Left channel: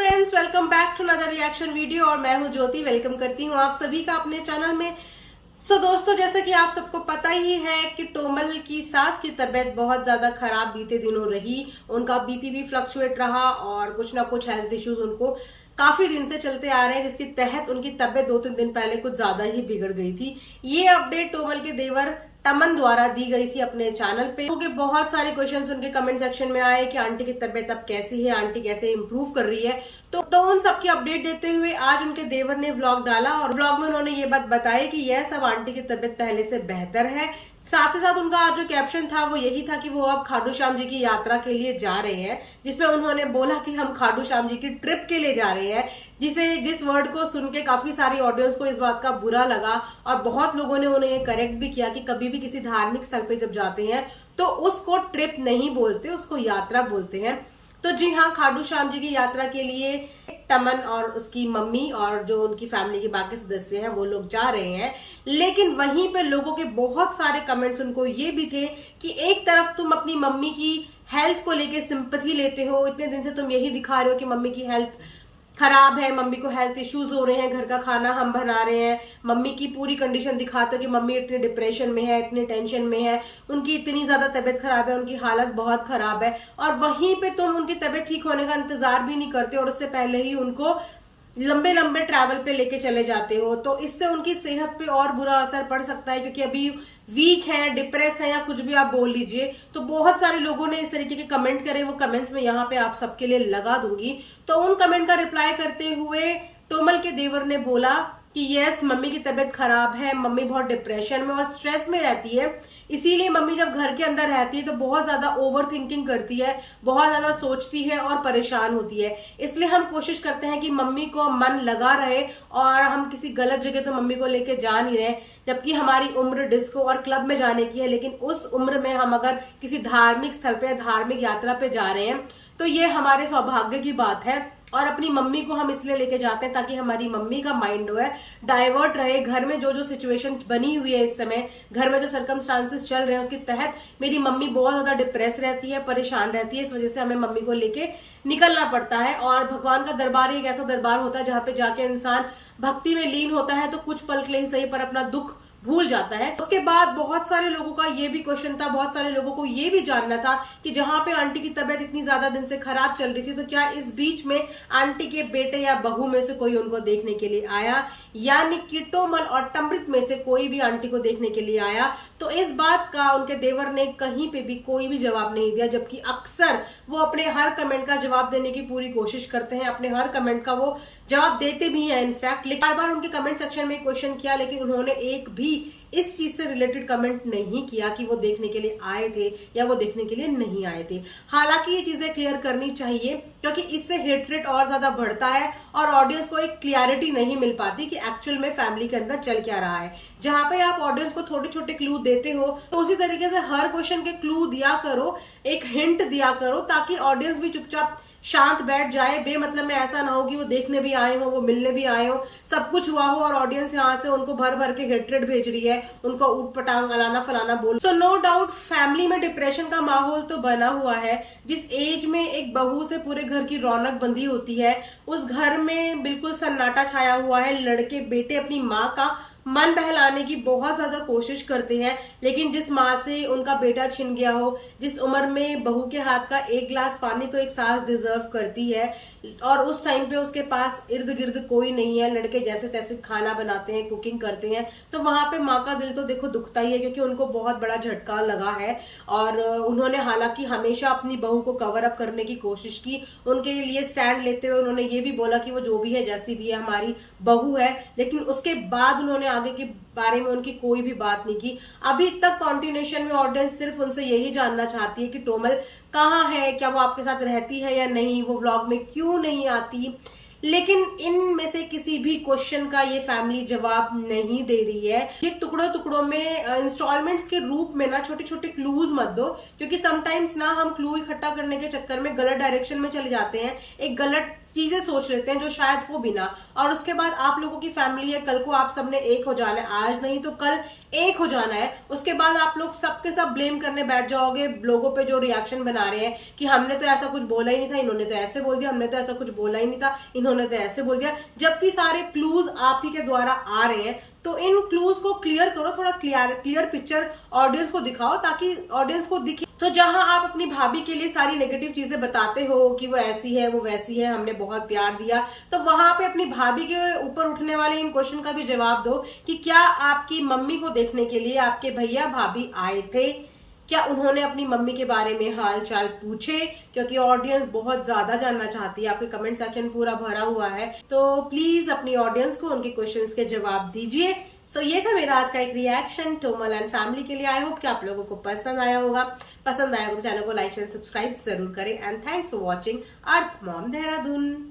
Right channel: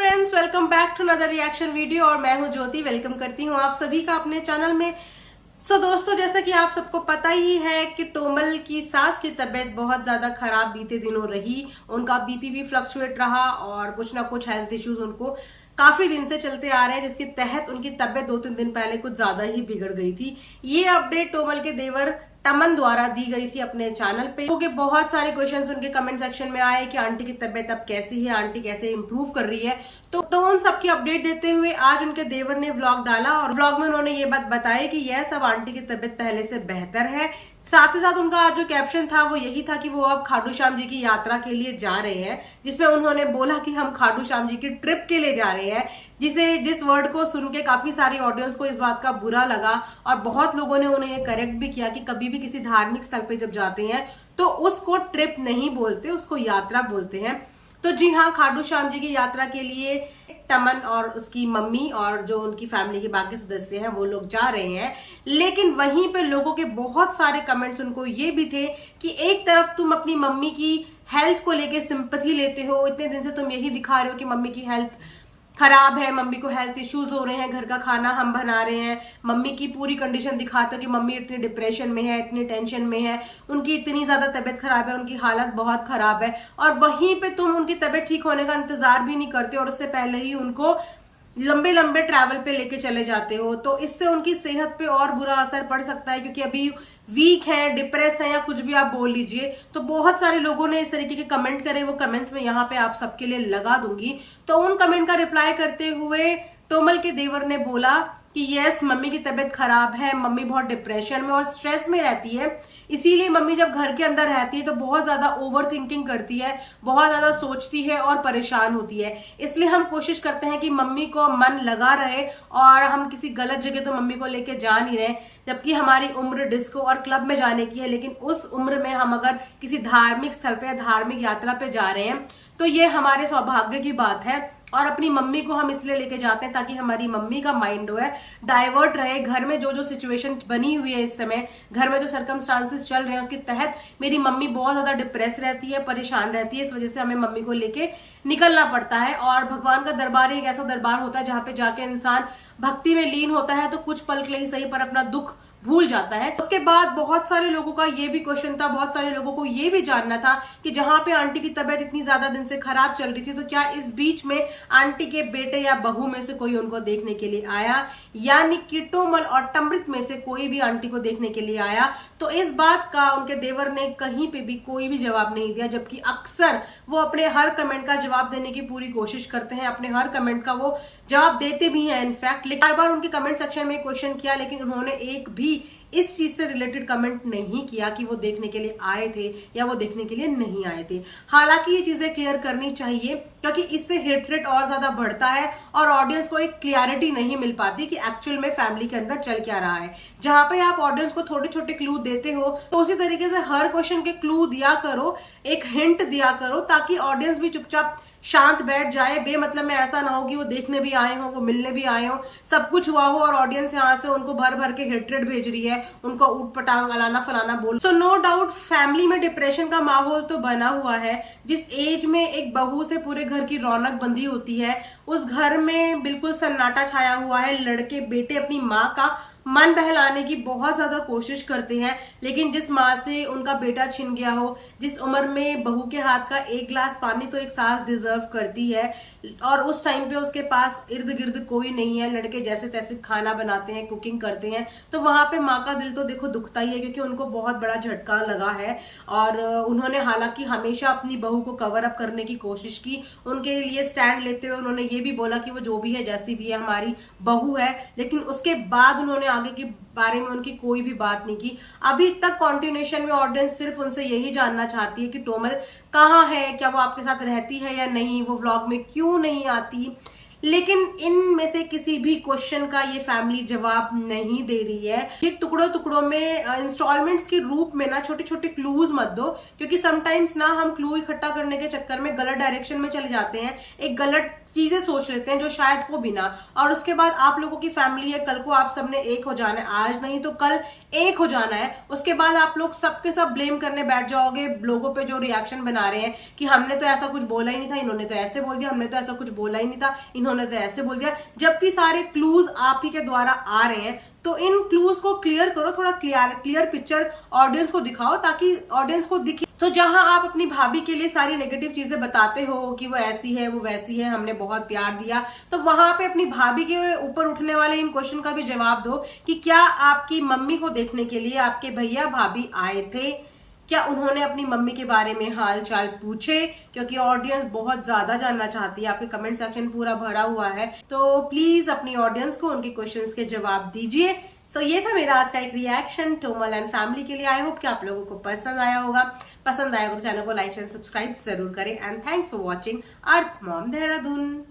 Friends, welcome back to another reaction video. और मैं हूं ज्योति, वेलकम करती हूं आप सभी का अपने चैनल में। दोस्तों, जैसा कि आप सबको पता ही है कि टोमल की सास की तबीयत बहुत ज्यादा खराब बीते दिनों रही। उनका बीपी भी फ्लक्चुएट रहा और कुछ ना कुछ हेल्थ इश्यूज उनको काफी दिन से चलते आ रहे हैं, जिसके तहत उनकी तबीयत 2-3 दिन पहले कुछ ज्यादा ही बिगड़ गई थी। ये अपडेट टोमल के देवर टमन द्वारा दी गई थी अपने चैनल पे, क्योंकि बहुत सारे क्वेश्चंस उनके कमेंट सेक्शन में आए कि आंटी की तबीयत अब कैसी है, आंटी कैसे इंप्रूव कर रही है। तो उन सबकी अपडेट देते हुए आज उनके देवर ने व्लॉग डाला और व्लॉग में उन्होंने ये बात बताई कि यह सब आंटी की तबीयत पहले से बेहतर है। साथ ही साथ उनका आज जो कैप्शन था वो यही था कि वो अब खाटू श्याम जी की यात्रा के लिए जा रहे हैं, जिसमें उन्होंने बोला कि हम खाटू श्याम जी की ट्रिप के लिए जा रहे हैं। जिस वर्ड को सुन के काफी सारी ऑडियंस को इस बात का बुरा लगा और बहुत लोगों ने उन्हें ये करेक्ट भी किया कि कभी भी किसी धार्मिक स्थल पे जब जाते हैं तो उसको ट्रिप नहीं बोलते, उसको यात्रा बोलते हैं। तो जी हाँ, खाटू श्याम जी की यात्रा के लिए टमन और उसकी मम्मी और जो उनकी फैमिली के बाकी सदस्य हैं वो लोग जा रहे हैं। लेकिन वहीं पे लोगों के बहुत सारे कमेंट्स उनको ये भी थे कि एक तरफ तुम अपनी मम्मी की हेल्थ को लेके सिंपैथी लेते हो, इतने दिन से तुम यही दिखा रहे हो कि मम्मी की हेल्थ खराब है, मम्मी को हेल्थ इश्यूज हो रहे हैं, घर का खाना हम बना रहे हैं, मम्मी की पूरी कंडीशन दिखाते हो कि मम्मी इतने डिप्रेशन में है, इतनी टेंशन में है, उनकी इतनी ज्यादा तबीयत खराब है, उनकी हालत बहुत खराब है। और वहीं पे तुम उनकी तबीयत ठीक होने का इंतजार भी नहीं करते और उससे पहले ही उनको लंबे लंबे ट्रैवल पे लेके चले जाते हो। तो इससे उनकी सेहत पे और बुरा असर पड़ सकता है, क्योंकि अभी वीक है, डिप्रेस है या कुछ भी आप बोल लीजिए। तो बहुत सारे लोगों ने इस तरीके के कमेंट करे, वो कमेंट्स में यहाँ पे आप सबके लिए लगा दूंगी। तो उन कमेंट का रिप्लाई करते हुए टोमल के देवर ने बोला कि यस, मम्मी की तबीयत खराब है, मम्मी बहुत डिप्रेशन में और स्ट्रेस में रहती है, इसीलिए मम्मी जब घर के अंदर रहती है तो बहुत ज्यादा ओवर थिंकिंग करती है, बहुत ज्यादा सोचती है और परेशान होती है। इसलिए हम कोशिश करते हैं कि मम्मी को मन लगा रहे और हम किसी गलत जगह तो मम्मी को लेके जा नहीं रहे। जबकि हमारी उम्र डिस्को और क्लब में जाने की है, लेकिन उस उम्र में हम अगर किसी धार्मिक स्थल पे या धार्मिक यात्रा पे जा रहे हैं तो ये हमारे सौभाग्य की बात है। और अपनी मम्मी को हम इसलिए लेके जाते हैं ताकि हमारी मम्मी का माइंड जो है डाइवर्ट रहे। घर में जो सिचुएशन बनी हुई है इस समय, घर में जो सर्कमस्टांसेस चल रहे हैं उसके तहत मेरी मम्मी बहुत ज्यादा डिप्रेस रहती है, परेशान रहती है। इस वजह से हमें मम्मी को लेके निकलना पड़ता है। और भगवान का दरबार एक ऐसा दरबार होता है जहां पे जाके इंसान भक्ति में लीन होता है तो कुछ पल के लिए ही सही पर अपना दुख भूल जाता है। उसके बाद बहुत सारे लोगों का ये भी क्वेश्चन था, बहुत सारे लोगों को ये भी जानना था कि जहां पे आंटी की तबीयत इतनी ज्यादा दिन से खराब चल रही थी तो क्या इस बीच में आंटी के बेटे या बहू में से कोई उनको देखने के लिए आया, यानी कि टोमल और टमृत में से कोई भी आंटी को देखने के लिए आया। तो इस बात का उनके देवर ने कहीं पे भी कोई भी जवाब नहीं दिया, जबकि अक्सर वो अपने हर कमेंट का जवाब देने की पूरी कोशिश करते हैं, अपने हर कमेंट का वो जवाब देते भी हैं इनफैक्ट। लेकिन बार बार उनके कमेंट सेक्शन में क्वेश्चन किया, लेकिन उन्होंने एक भी इस चीज से रिलेटेड कमेंट नहीं किया कि वो देखने के लिए आए थे या वो देखने के लिए नहीं आए थे। हालांकि ये चीजें क्लियर करनी चाहिए, क्योंकि इससे हेट रेट और ज्यादा बढ़ता है और ऑडियंस को एक क्लियरिटी नहीं मिल पाती कि एक्चुअल में फैमिली के अंदर चल क्या रहा है। जहां पे आप ऑडियंस को छोटे छोटे क्लू देते हो तो उसी तरीके से हर क्वेश्चन के क्लू दिया करो, एक हिंट दिया करो, ताकि ऑडियंस भी चुपचाप शांत बैठ जाए। बेमतलब में ऐसा ना हो कि वो देखने भी आए हो, वो मिलने भी आए हो, सब कुछ हुआ हो और ऑडियंस यहाँ से उनको भर भर के हेट्रेड भेज रही है, उनको ऊट पटांग अलाना फलाना बोल। सो नो डाउट फैमिली में डिप्रेशन का माहौल तो बना हुआ है। जिस एज में एक बहू से पूरे घर की रौनक बंधी होती है, उस घर में बिल्कुल सन्नाटा छाया हुआ है। लड़के बेटे अपनी माँ का मन बहलाने की बहुत ज्यादा कोशिश करते हैं, लेकिन जिस माँ से उनका बेटा छिन गया हो, जिस उम्र में बहू के हाथ का एक गिलास पानी तो एक सास डिजर्व करती है, और उस टाइम पे उसके पास इर्द गिर्द कोई नहीं है, लड़के जैसे तैसे खाना बनाते हैं, कुकिंग करते हैं, तो वहां पे माँ का दिल तो देखो दुखता ही है, क्योंकि उनको बहुत बड़ा झटका लगा है। और उन्होंने हालांकि हमेशा अपनी बहू को कवर अप करने की कोशिश की, उनके लिए स्टैंड लेते हुए उन्होंने ये भी बोला कि वो जो भी है, जैसी भी है, हमारी बहू है। लेकिन उसके बाद उन्होंने आगे के बारे में उनकी कोई भी बात नहीं की। अभी तक कॉन्टिन्यूएशन में ऑडियंस सिर्फ उनसे यही जानना चाहती है कि टोमल कहाँ है, क्या वो आपके साथ रहती है या नहीं, वो व्लॉग में क्यों नहीं आती। लेकिन इनमें से किसी भी क्वेश्चन का ये फैमिली जवाब नहीं दे रही है। ये टुकड़ों टुकड़ों में इंस्टॉलमेंट्स के रूप में ना छोटे छोटे क्लूज मत दो, क्योंकि समटाइम्स ना हम क्लू इकट्ठा करने के चक्कर में गलत डायरेक्शन में चले जाते हैं, एक गलत चीजें सोच लेते हैं जो शायद हो भी ना। और उसके बाद आप लोगों की फैमिली है, कल को आप सबने एक हो जाना है, आज नहीं तो कल एक हो जाना है। उसके बाद आप लोग सबके सब ब्लेम करने बैठ जाओगे लोगों पे जो रिएक्शन बना रहे हैं कि हमने तो ऐसा कुछ बोला ही नहीं था, इन्होंने तो ऐसे बोल दिया, हमने तो ऐसा कुछ बोला ही नहीं था, इन्होंने तो ऐसे बोल दिया। जबकि सारे क्लूज आप ही के द्वारा आ रहे हैं, तो इन क्लूज को क्लियर करो, थोड़ा क्लियर पिक्चर ऑडियंस को दिखाओ, ताकि ऑडियंस को दिखे। तो जहां आप अपनी भाभी के लिए सारी नेगेटिव चीजें बताते हो कि वो ऐसी है, वो वैसी है, हमने बहुत प्यार दिया, तो वहां पे अपनी भाभी के ऊपर उठने वाले इन क्वेश्चन का भी जवाब दो कि क्या आपकी मम्मी को देखने के लिए आपके भैया भाभी आए थे? क्या उन्होंने अपनी मम्मी के बारे में हाल चाल पूछे? क्योंकि ऑडियंस बहुत ज्यादा जानना चाहती है, आपके कमेंट सेक्शन पूरा भरा हुआ है, तो प्लीज अपनी ऑडियंस को उनके क्वेश्चंस के जवाब दीजिए। सो ये था मेरा आज का एक रिएक्शन टोमल एंड फैमिली के लिए। आई होप कि आप लोगों को पसंद आया होगा। पसंद आया हो तो चैनल को लाइक एंड सब्सक्राइब जरूर करें। And thanks for watching earth mom Dehradun.